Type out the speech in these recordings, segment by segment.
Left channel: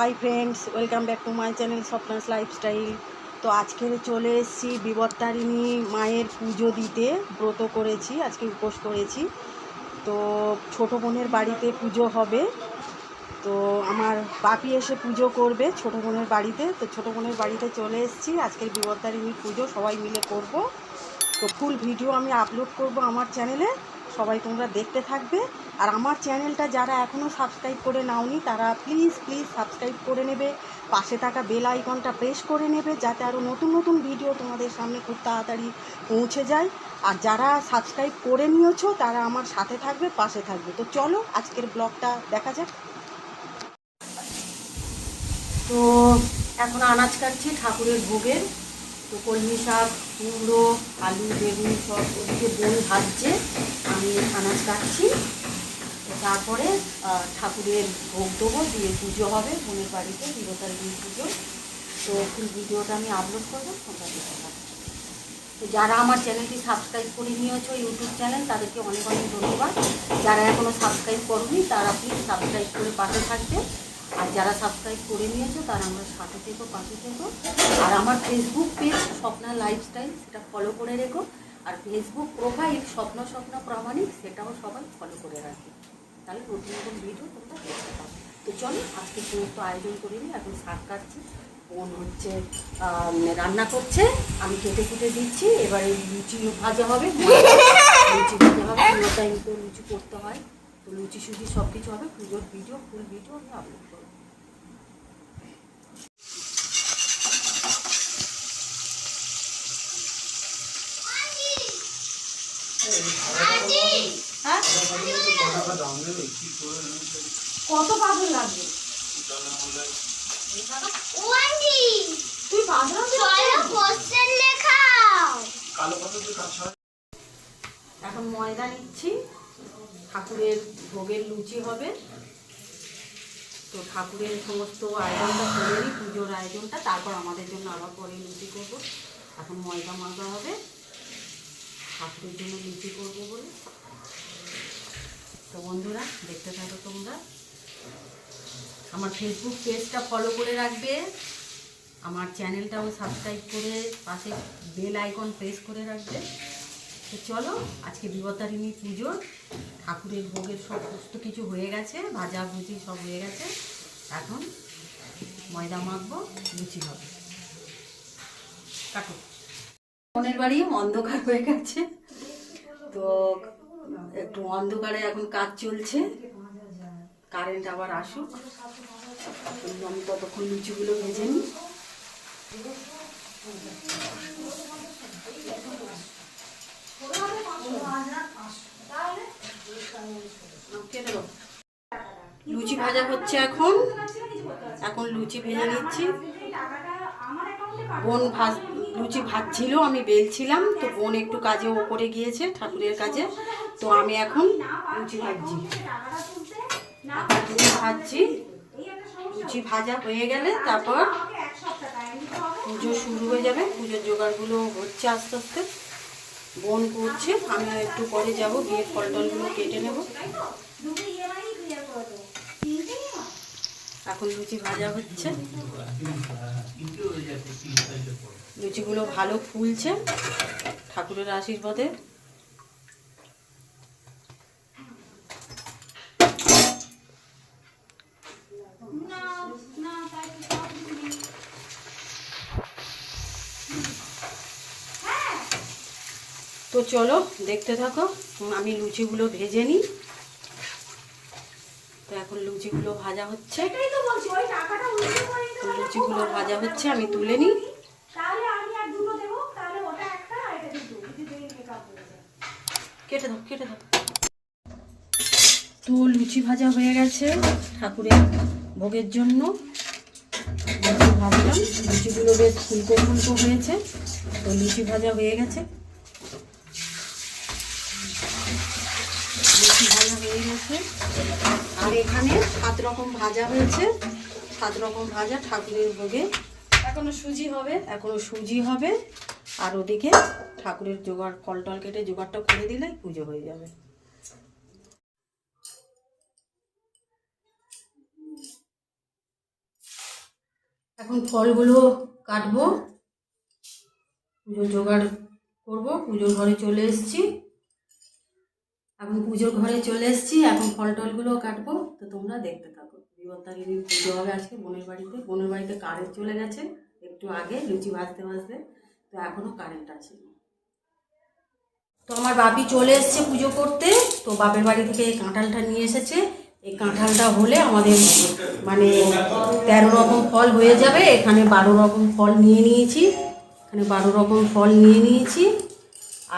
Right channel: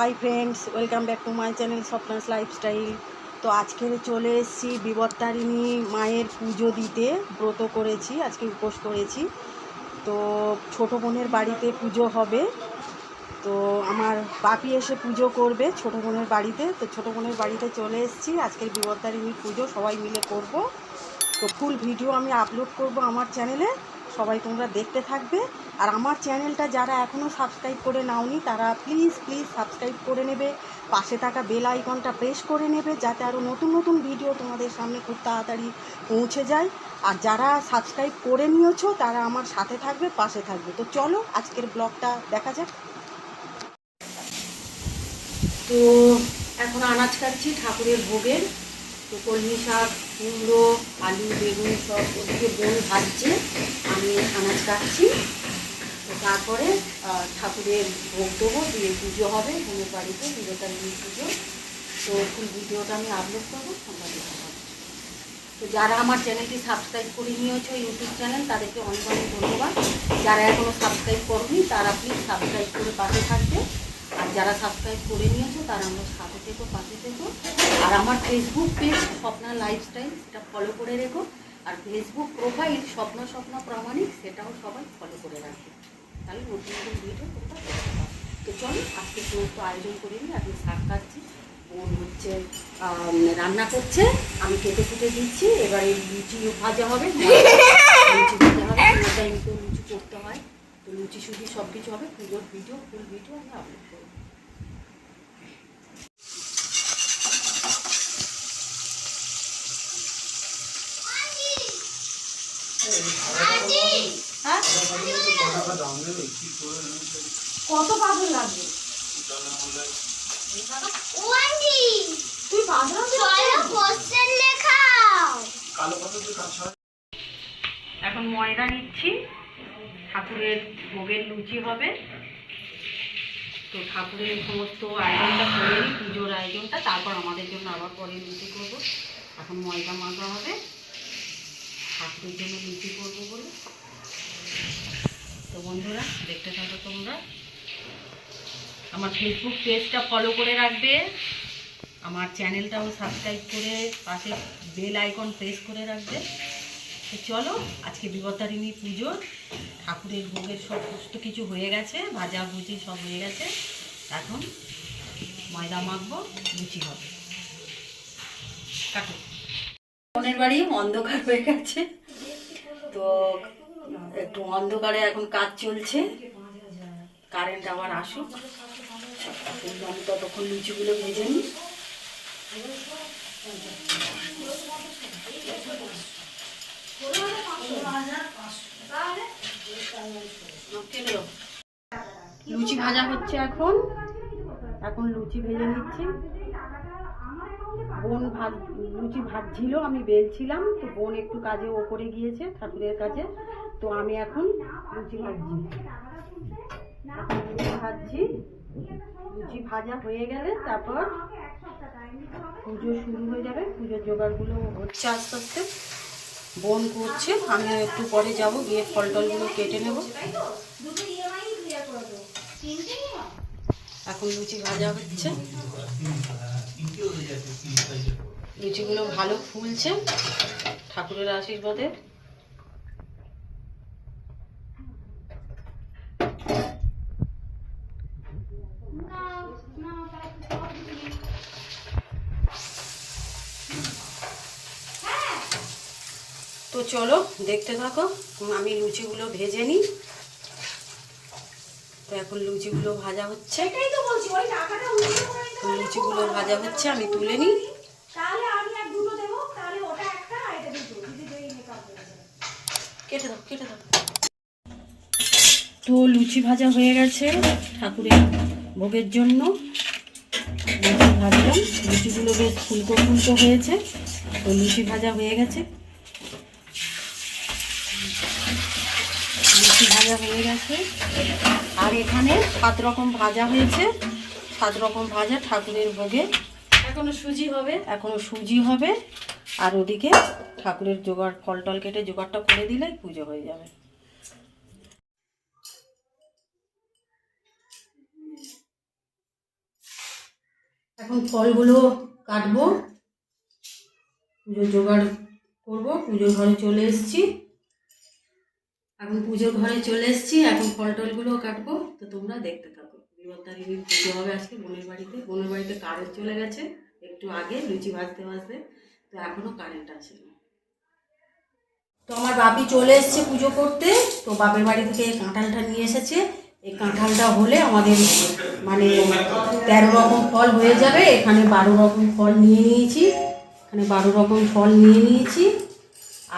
Hi friends welcome back to my channel Swapna's lifestyle তো আজকে চলে এসেছি বিবর্তারিণী মায়ের পুজো দিতে। ব্রত করেছি, আজকে উপোস করেছি। তো ছোটো বোনের বাড়িতে পুজো হবে। তো আমার বাপি এসে পুজো করবে ছোটো বোনের বাড়িতে। তো ছোটো বোনের বাড়িতে চলে এসেছি, আজকের বিবর্তারিণী পুজো সবাই মিলে করব। তো ফুল ভিডিও আমি আপলোড করব আমার চ্যানেলে সবাই তোমরা দেখতে থাকবে। আর আমার চ্যানেলটা যারা এখনও সাবস্ক্রাইব করে নাওনি, তারা প্লিজ প্লিজ সাবস্ক্রাইব করে নেবে। পাশে থাকা বেল আইকনটা প্রেস করে নেবে, যাতে আরও নতুন নতুন ভিডিও তোমাদের সামনে খুব তাড়াতাড়ি পৌঁছে যায়। আর যারা সাবস্ক্রাইব করে নিয়েছো, তারা আমার সাথে থাকবে, পাশে থাকবে। তো চলো, আজকের ব্লগটা দেখা যাক। তো এখন আনাজ কাটছি ঠাকুরের ভোগের। তো কলমি শাক, কুমড়ো, আলু, বেগুন সব ওদিকে বোন ভাজছে। আমি আনাজ কাটছি। তো তারপরে ঠাকুরের ভোগ দেবো, দিয়ে পুজো হবে, বোনের বাড়িতে বিবেকানন্দ পুজো। তো ফুল ভিডিওটা আমি আপলোড করব, তোমরা দেখতে তো যারা আমার চ্যানেলটি সাবস্ক্রাইব করে নিয়েছো ইউটিউব চ্যানেল তাদেরকে অনেক অনেক ধন্যবাদ। যারা এখনও সাবস্ক্রাইব করনি, তারা প্লিজ সাবস্ক্রাইব করে পাশে থাকবে। আর যারা সাবস্ক্রাইব করে নিয়েছো তারা আমরা সাথে থেকো, পাশে থেকো। আর আমার ফেসবুক পেজ স্বপ্না লাইফস্টাইল সেটা ফলো করে রেখো। আর ফেসবুক প্রোফাইল স্বপ্ন স্বপ্ন প্রামাণিক, সেটাও সবাই ফলো করে রাখবে তাহলে নতুন নতুন ভিডিও তোমরা দেখতে পাবে। তো চলো, আজকে সমস্ত আয়োজন করে নিই। এখন শাক কাটছি, বোন হচ্ছে রান্না করছে। আমি কেটে কেটে দিচ্ছি। এবারে লুচি ভাজা হবে লুচি ভাজা হবে। পুরো টাইম তো লুচি করতে হয়। তো লুচি সুচি সব কিছু হবে। পুজোর ভিডিও ফুল ভিডিও আমি আপলোড করব। কত পাথর লাগবে? তুই এখন ময়দা নিচ্ছি। ঠাকুরের ভোগের লুচি হবে। তো ঠাকুরের সমস্ত আয়োজনটা করে পুজোর আয়োজনটা। তারপর আমাদের জন্য আবার পরে লুচি করব। এখন ময়দা মাখা হবে। ঠাকুরের জন্য লুচি করব বলে। তো বন্ধুরা, দেখতে থাকো তোমরা। আমার ফেসবুক পেজটা ফলো করে রাখবে। আমার চ্যানেলটাও সাবস্ক্রাইব করে পাশে বেল আইকন প্রেস করে রাখবে। তো চলো, আজকে বিবতারিণী পুজো ঠাকুরের ভোগের সব সমস্ত কিছু হয়ে গেছে, ভাজা ভুজি সব হয়ে গেছে। এখন ময়দা মাখবো, লুচি হবে। কাটো। বোনের বাড়ি অন্ধকার হয়ে গেছে। তো একটু অন্ধকারে এখন কাজ চলছে। কারেন্ট আবার আসুক। আমি ততক্ষণ লুচিগুলো ভেজে নিই। লুচি ভাজা হচ্ছে এখন। এখন লুচি ভেজে নিচ্ছি। বোন ভাজ লুচি ভাজছিল আমি বেলছিলাম, তো বোন একটু কাজে ওপরে গিয়েছে ঠাকুরের কাছে তো আমি এখন লুচি ভাজছি। লুচি ভাজছি, লুচি ভাজা হয়ে গেলে তারপর পুজো শুরু হয়ে যাবে, পুজোর জোগাড়গুলো হচ্ছে আস্তে আস্তে। বোন করছে, আমি একটু পরে যাব, গিয়ে ফল টলগুলো কেটে নেব। এখন লুচি ভাজা হচ্ছে। লুচিগুলো ভালো ফুলছে। ঠাকুরের আশীর্বাদে। তো চলো দেখতে থাকো আমি লুচিগুলো ভেজে নিই। তো এখন লুচিগুলো ভাজা হচ্ছে। লুচিগুলো ভাজা হচ্ছে আমি তুলে নিই তাহলে আমি আর দুটো দেবো তাহলে ওটা একটা আর এটা দুটো যদি দুই মেকআপ হয়ে যায় কেটে দাও কেটে দাও। তো লুচি ভাজা হয়ে গেছে ঠাকুরের ভোগের জন্য। লুচি ভাজলাম। লুচিগুলো বেশ ফুলকো ফুলকো হয়েছে। তো লুচি ভাজা হয়ে গেছে। লুচি ভাজা হয়ে গেছে। আর এখানে সাত রকম ভাজা হয়েছে। সাত রকম ভাজা ঠাকুরের ভোগে। এখনও সুজি হবে। এখনও সুজি হবে। আর ওদিকে ঠাকুরের জোগাড় ফল টল কেটে জোগাড়টা করে দিলেই পুজো হয়ে যাবে। এখন ফলগুলো কাটবো পুজোর জোগাড় করব, পুজোর ঘরে চলে এসেছি। এখন পুজোর ঘরে চলে এসেছি, এখন ফল টলগুলো কাটবো। তো তোমরা দেখতে থাকো বিপত্তারিণীর পুজো হবে আজকে বোনের বাড়িতে। বোনের বাড়িতে কারেন্ট চলে গেছে, একটু আগে লুচি ভাজতে ভাজতে। তো এখনও কারেন্ট আসেনি তো আমার বাপি চলে এসেছে পুজো করতে, তো বাপের বাড়ি থেকে এই কাঁঠালটা নিয়ে এসেছে। এই কাঁঠালটা হলে আমাদের মানে তেরো রকম ফল হয়ে যাবে। এখানে বারো রকম ফল নিয়ে নিয়েছি। এখানে বারো রকম ফল নিয়ে নিয়েছি।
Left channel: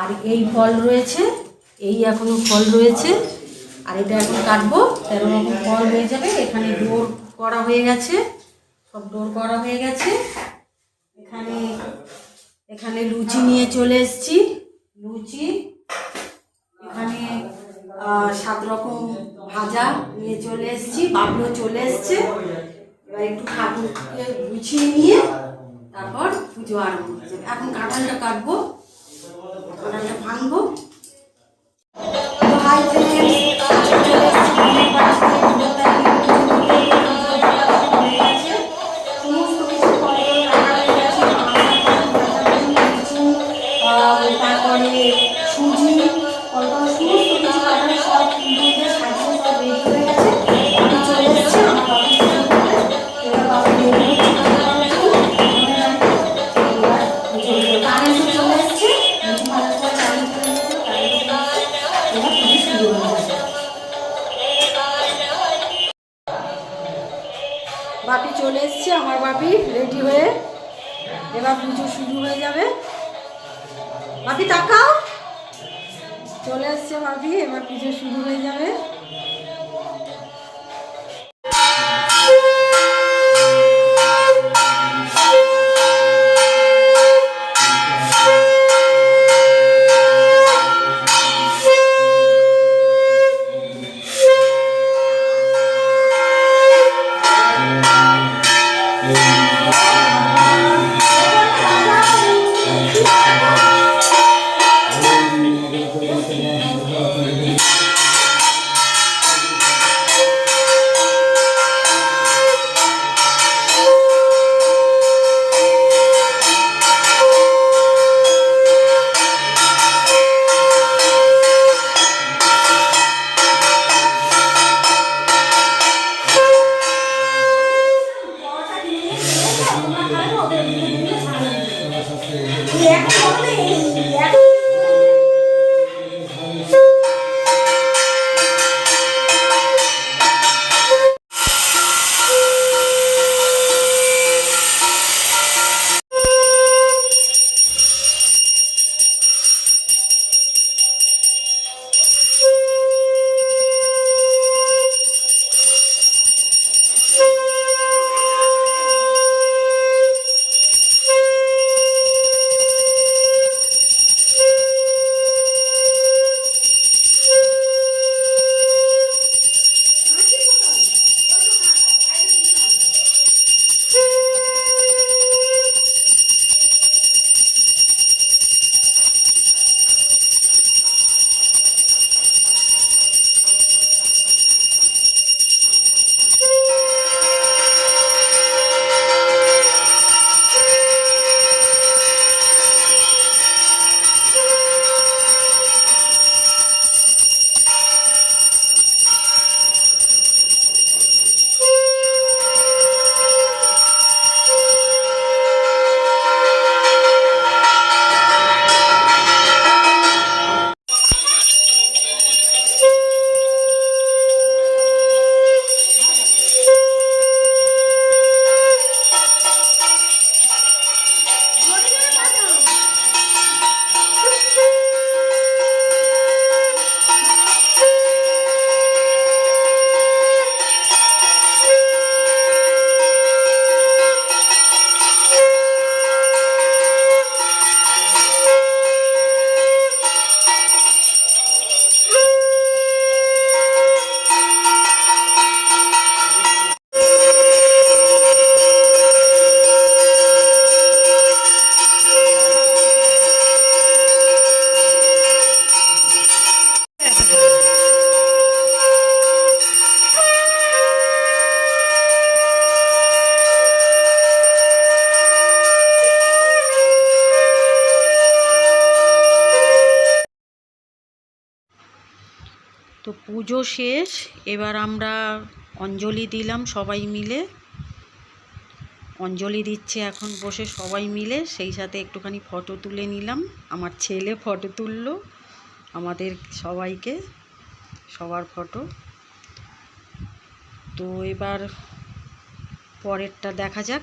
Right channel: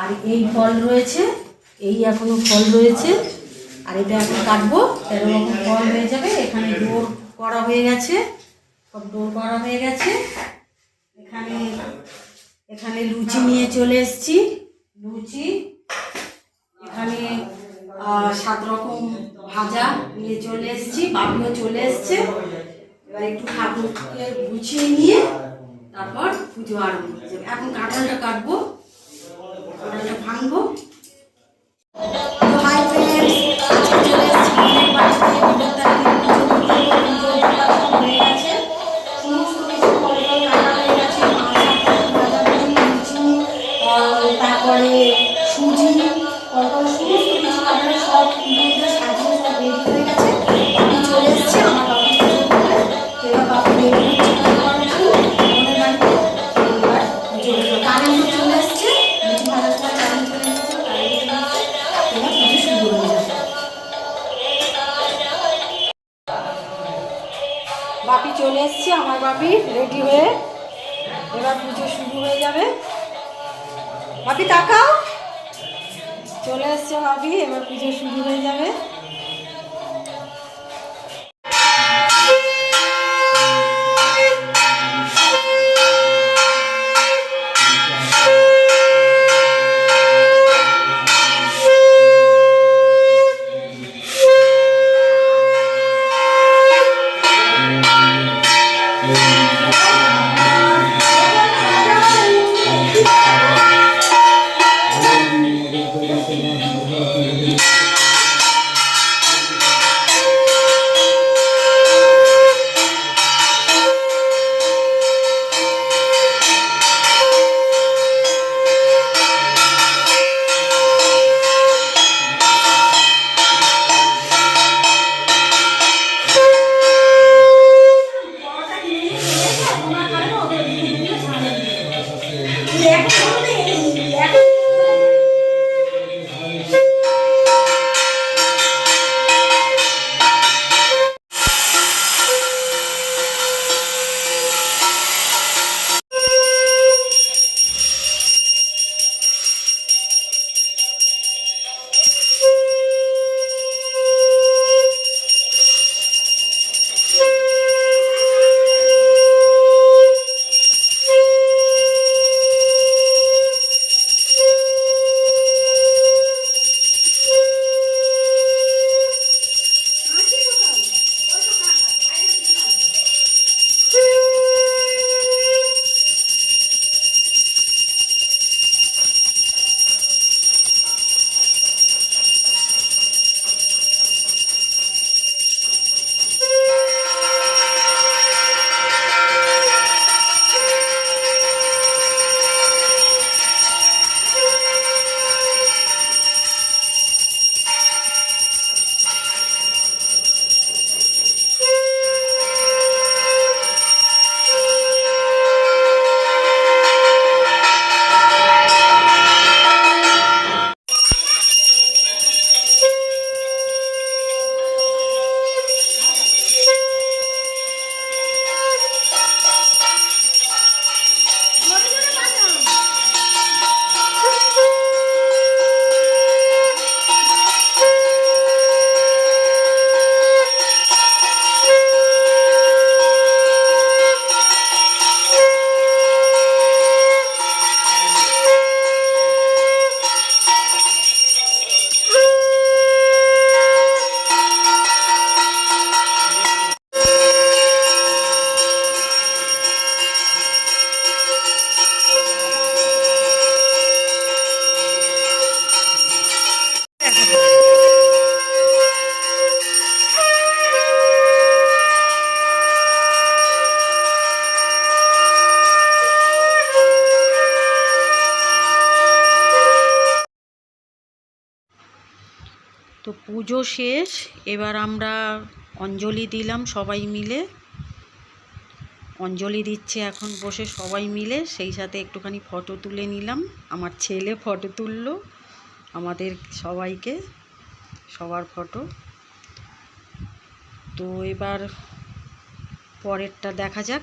আর এই ফল রয়েছে, এই এখনও ফল রয়েছে। আর এটা এখন কাটবো। তেরো রকম ফল হয়ে যাবে। এখানে ডোর করা হয়ে গেছে। সব ডোর করা হয়ে গেছে। এখানে এখানে লুচি নিয়ে চলে এসেছি। লুচি, এখানে সাত রকম ভাজা নিয়ে চলে এসেছি। বাবুও চলে এসছে। এবার একটু ঠাকুরকে গুছিয়ে নিয়ে তারপর পুজো আরম্ভ যাবে এখন কাঁঠালটা কাটবো, কাঁঠালটা ভাঙবো। হাই বাপি চলে এসছে, আমার বাপি রেডি হয়ে এবার পুজো শুরু হয়ে যাবে। বাপি তাকাও চলে এসছে বাপি, এবার পুজো শুরু হয়ে যাবে। পুজো শেষ, এবার আমরা অঞ্জলি দিলাম সবাই মিলে। অঞ্জলি দিচ্ছে এখন বসে সবাই মিলে, সেই সাথে একটুখানি ফটো তুলে নিলাম। আমার ছেলে ফটো তুললো, আমাদের সবাইকে সবার ফটো। তো এবার পরেরটা দেখা যাক।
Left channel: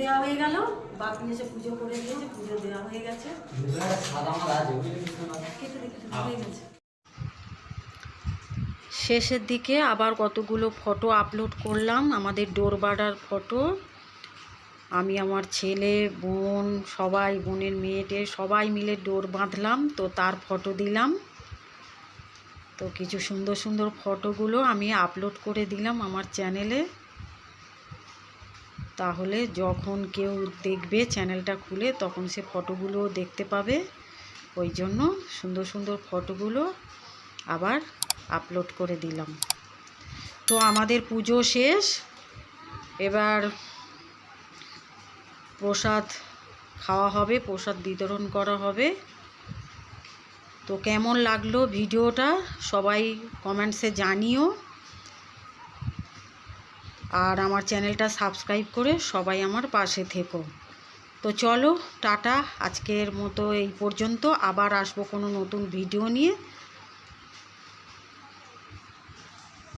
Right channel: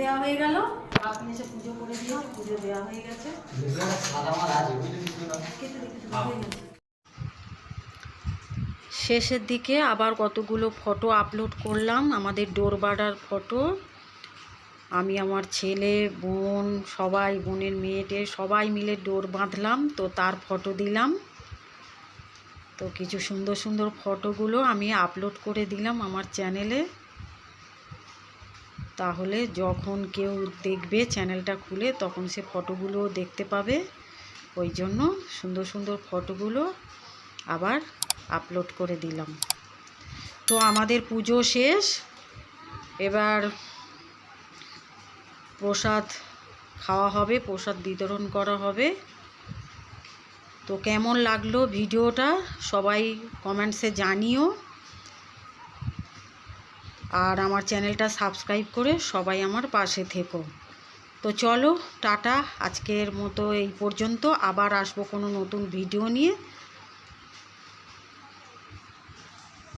দেওয়া হয়ে গেল। কাকু এসে পুজো করে দিয়েছে পুজো দেওয়া হয়ে গেছে। শেষের দিকে আবার কতগুলো ফটো আপলোড করলাম, আমাদের ডোর ডোরবাডার ফটো। আমি, আমার ছেলে, বোন, সবাই, বোনের মেয়েটে সবাই মিলে ডোর বাঁধলাম, তো তার ফটো দিলাম। তো কিছু সুন্দর সুন্দর ফটোগুলো আমি আপলোড করে দিলাম আমার চ্যানেলে তাহলে যখন কেউ দেখবে চ্যানেলটা খুলে, তখন সে ফটোগুলো দেখতে পাবে। ওই জন্য সুন্দর সুন্দর ফটোগুলো আবার আপলোড করে দিলাম। তো আমাদের পুজো শেষ। এবার প্রসাদ খাওয়া হবে, প্রসাদ বিতরণ করা হবে। তো কেমন লাগল ভিডিওটা সবাই কমেন্টসে জানিও। আর আমার চ্যানেলটা সাবস্ক্রাইব করে সবাই আমার পাশে থেকো। তো চলো, টাটা, আজকের মতো এই পর্যন্ত। আবার আসব কোনো নতুন ভিডিও নিয়ে।